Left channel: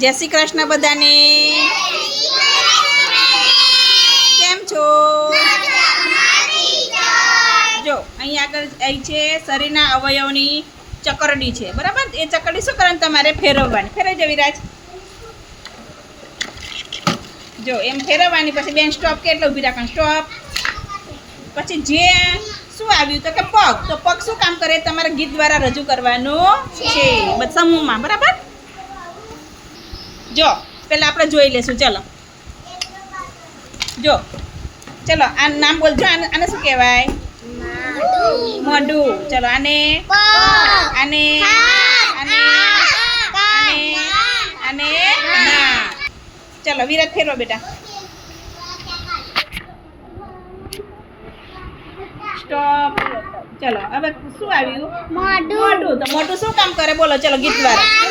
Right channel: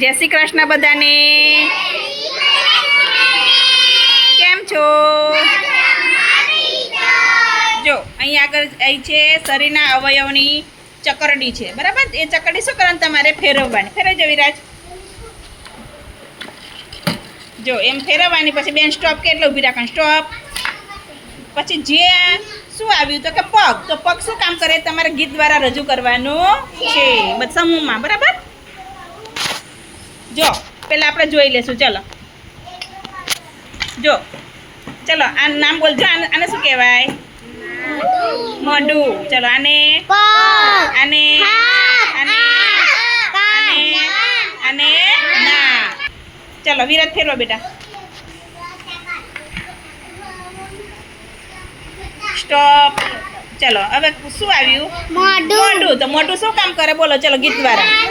જય શ્રી કૃષ્ણ બધાને. કેમ છો? જો, અહીં આગળ અહીં છે શરીરના અવયવની ચકરડી છે. બરાબર? એ ચકરડી શું કરવાનું? તમારે ફેરવવાની. ફેરવી જવી રાજ જો, એમ ફેરવવાની, પછી બેન સ્ટોપ કેટલો ઊભી રાખવાની? સ્ટોપ પછી જે શું આવ્યું? તો કે પગ. તો પગ શું કામ કરે? તમારે ગીત દ્વારા રજૂ કરવાનું છે. સમૂહમાં બરાબર? જો પહેલાં આપણે જોઈ લેશું ચલો. જો ચલો આ નામ બોલજો આને આને શું કહેવાય? મોઢું ચલો આને? આને? આને? આને? આને? ના. ચલો વિરાટ ફેરવો બેટા. સ્ટોપ. ચલો હવે શું આવ્યું? મોઢું તો મોઢું શું કામ કરે? બોલો ચલો ગીત દ્વારા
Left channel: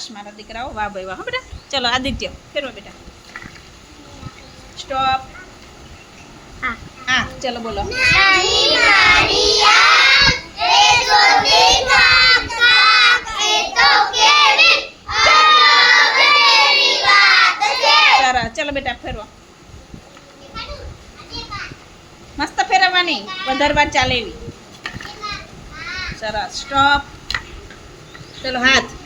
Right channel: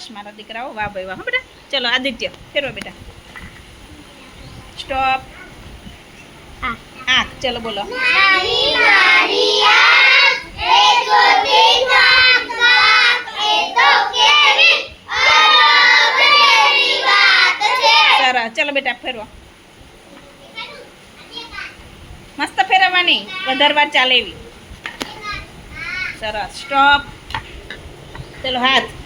શાબાશ મારા દીકરાઓ વાહ ભાઈ વાહ હો બેટા ચલો આદિત્ય ફેરવો બેટા સ્ટોપ આંખ ચલો બોલો સરસ ચલો બેટા ફેરવો મસ્ત ફેરવવાની વધારે વાર ચાલે એવી સરસ સ્ટોપ ચલો હાથ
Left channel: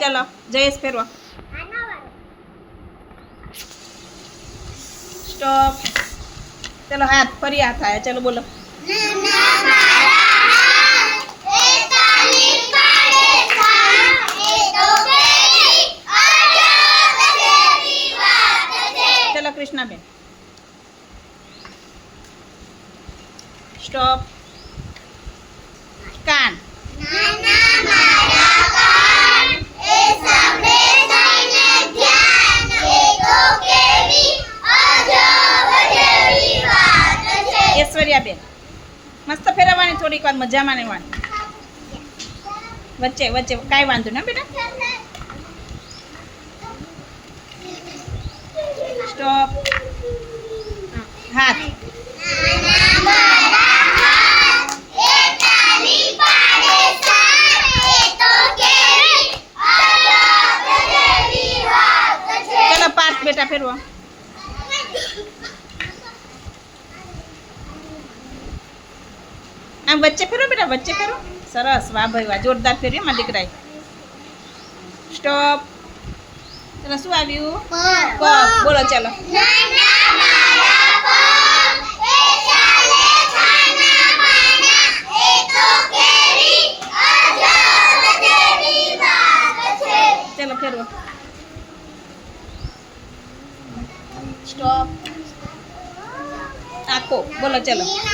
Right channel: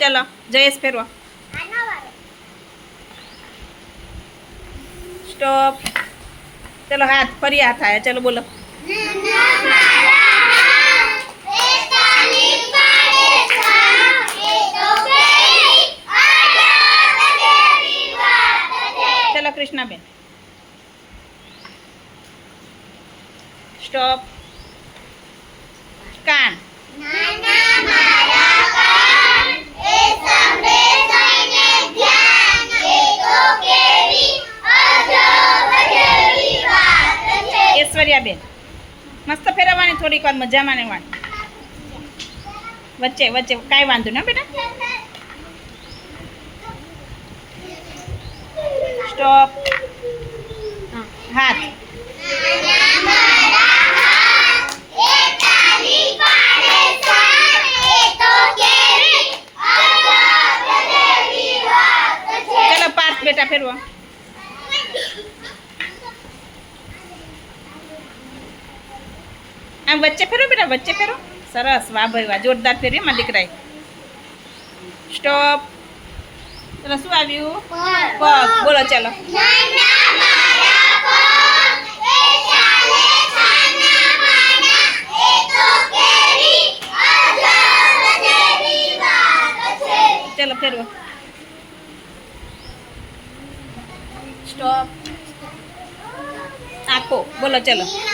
ચલો જયેશ ફેરવો સ્ટોપ ચલો હાથ ફરી હાથ આયા ચલો બોલો કૃષ્ણાબેન. સ્ટોપ કાન. ઐશ્વર્યાબેન. મસ્ત ફેરવવાની થોડીક વાર મજા માણવાની વચ્ચે વચ્ચે, કાંઈ વાંધો ના બેટા. સ્ટોપ હાથ ચલો પાર્થ બેટા ફેરવો આમ વચ્ચે ફેરો બેટા વચ્ચે ફેરો સરસ વાહ ભાઈ વાહ જોરદાર ફેર્યો મારા દીકરાએ સ્ટોપ ચલો શું આવ્યું? પગ બોલો ચાલો. ચલો ફેરવો. સ્ટોપ આખો. બોલો ચાલો. ચલો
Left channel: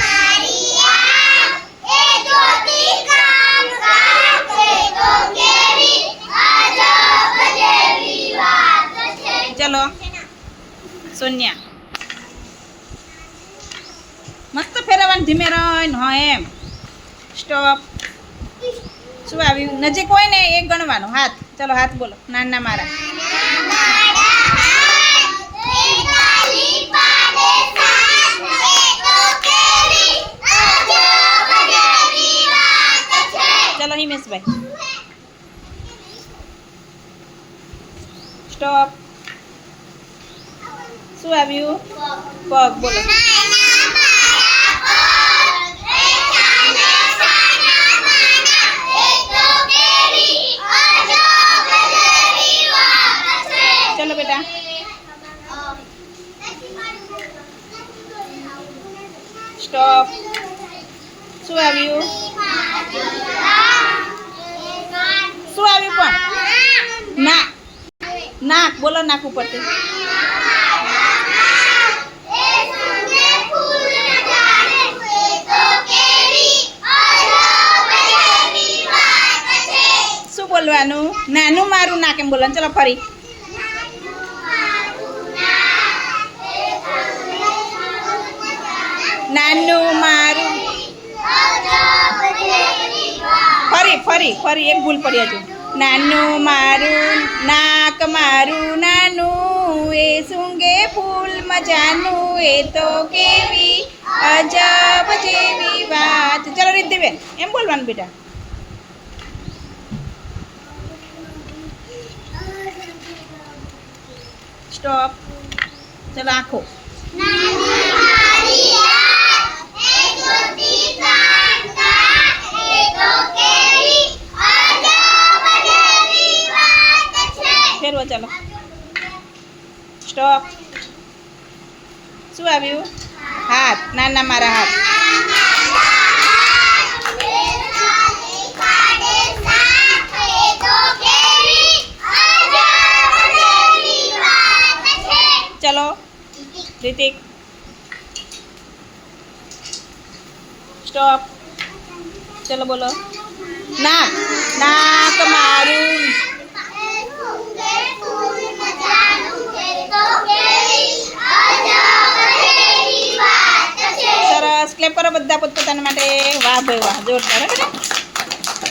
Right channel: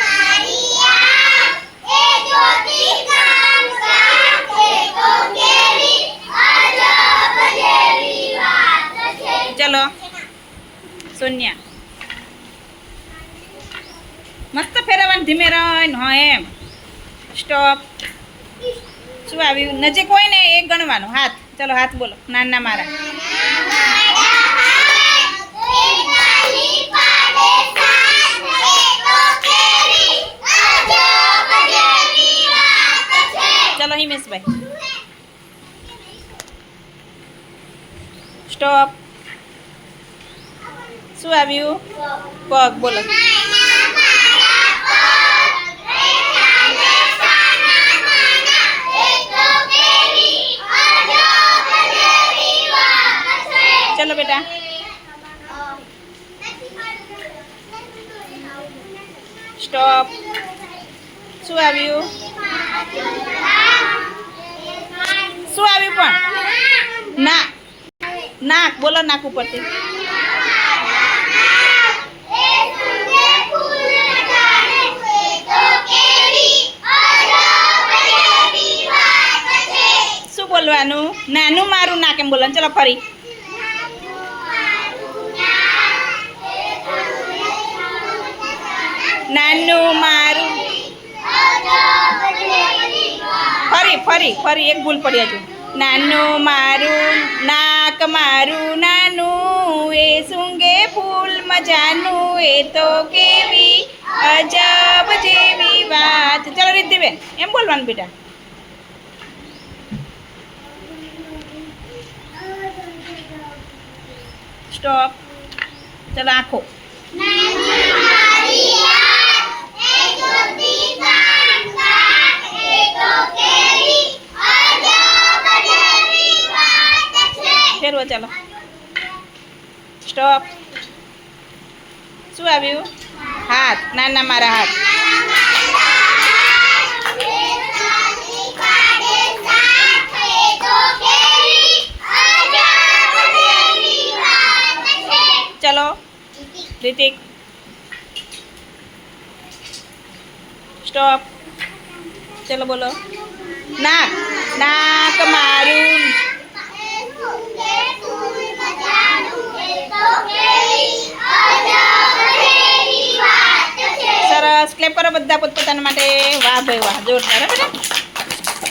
સોન્યા. મસ્ત ફેરવવાનું ધીમે રહીને, હા એમ. સ્ટોપ શું આવ્યું નજીક હોય ને એ ગણવાનું. હાથ. ચલો હાથ બોલો. નાના મારા. ચલો, હિમેશભાઈ. સ્ટોપ શું આવ્યું પગ, બોલો. ચલો બેટા. સ્ટોપ શું આવ્યું શું આવ્યું પણ? ના. નાક, બોલો નાક ઉપરથી. નાનું મારું ના કેમ બોલવાનું. ચલો ફરી. નાનું મારું. ફરી ફરી ફરી. એક ભૂલ પડી હજુ. નાનું મારું નાક મારું નાનું, એ સૂંઘે ફૂલ મજાનું, એ તો કેવી અજબ જેવી વાત. ચલો રિદ્ધિબેન, એમ બોલવાનું બેટા સ્ટોપ ચલો આખો નાની મારી યાદ એ જોતી કાન કાન એ તો કેવી અજબ જેવી વાત છે ફેરવો ચલો સ્ટોપ શું આવ્યું હાથ નાના મારા હાથ ચલો. રિતિક. સ્ટોપ. ચલો બોલો. નાક. નાક મારું. સરસ. ક્લેપ કરો બધા પોતપોતાના માટે. વાહ ભાઈ વાહ. જોરદાર બેટા.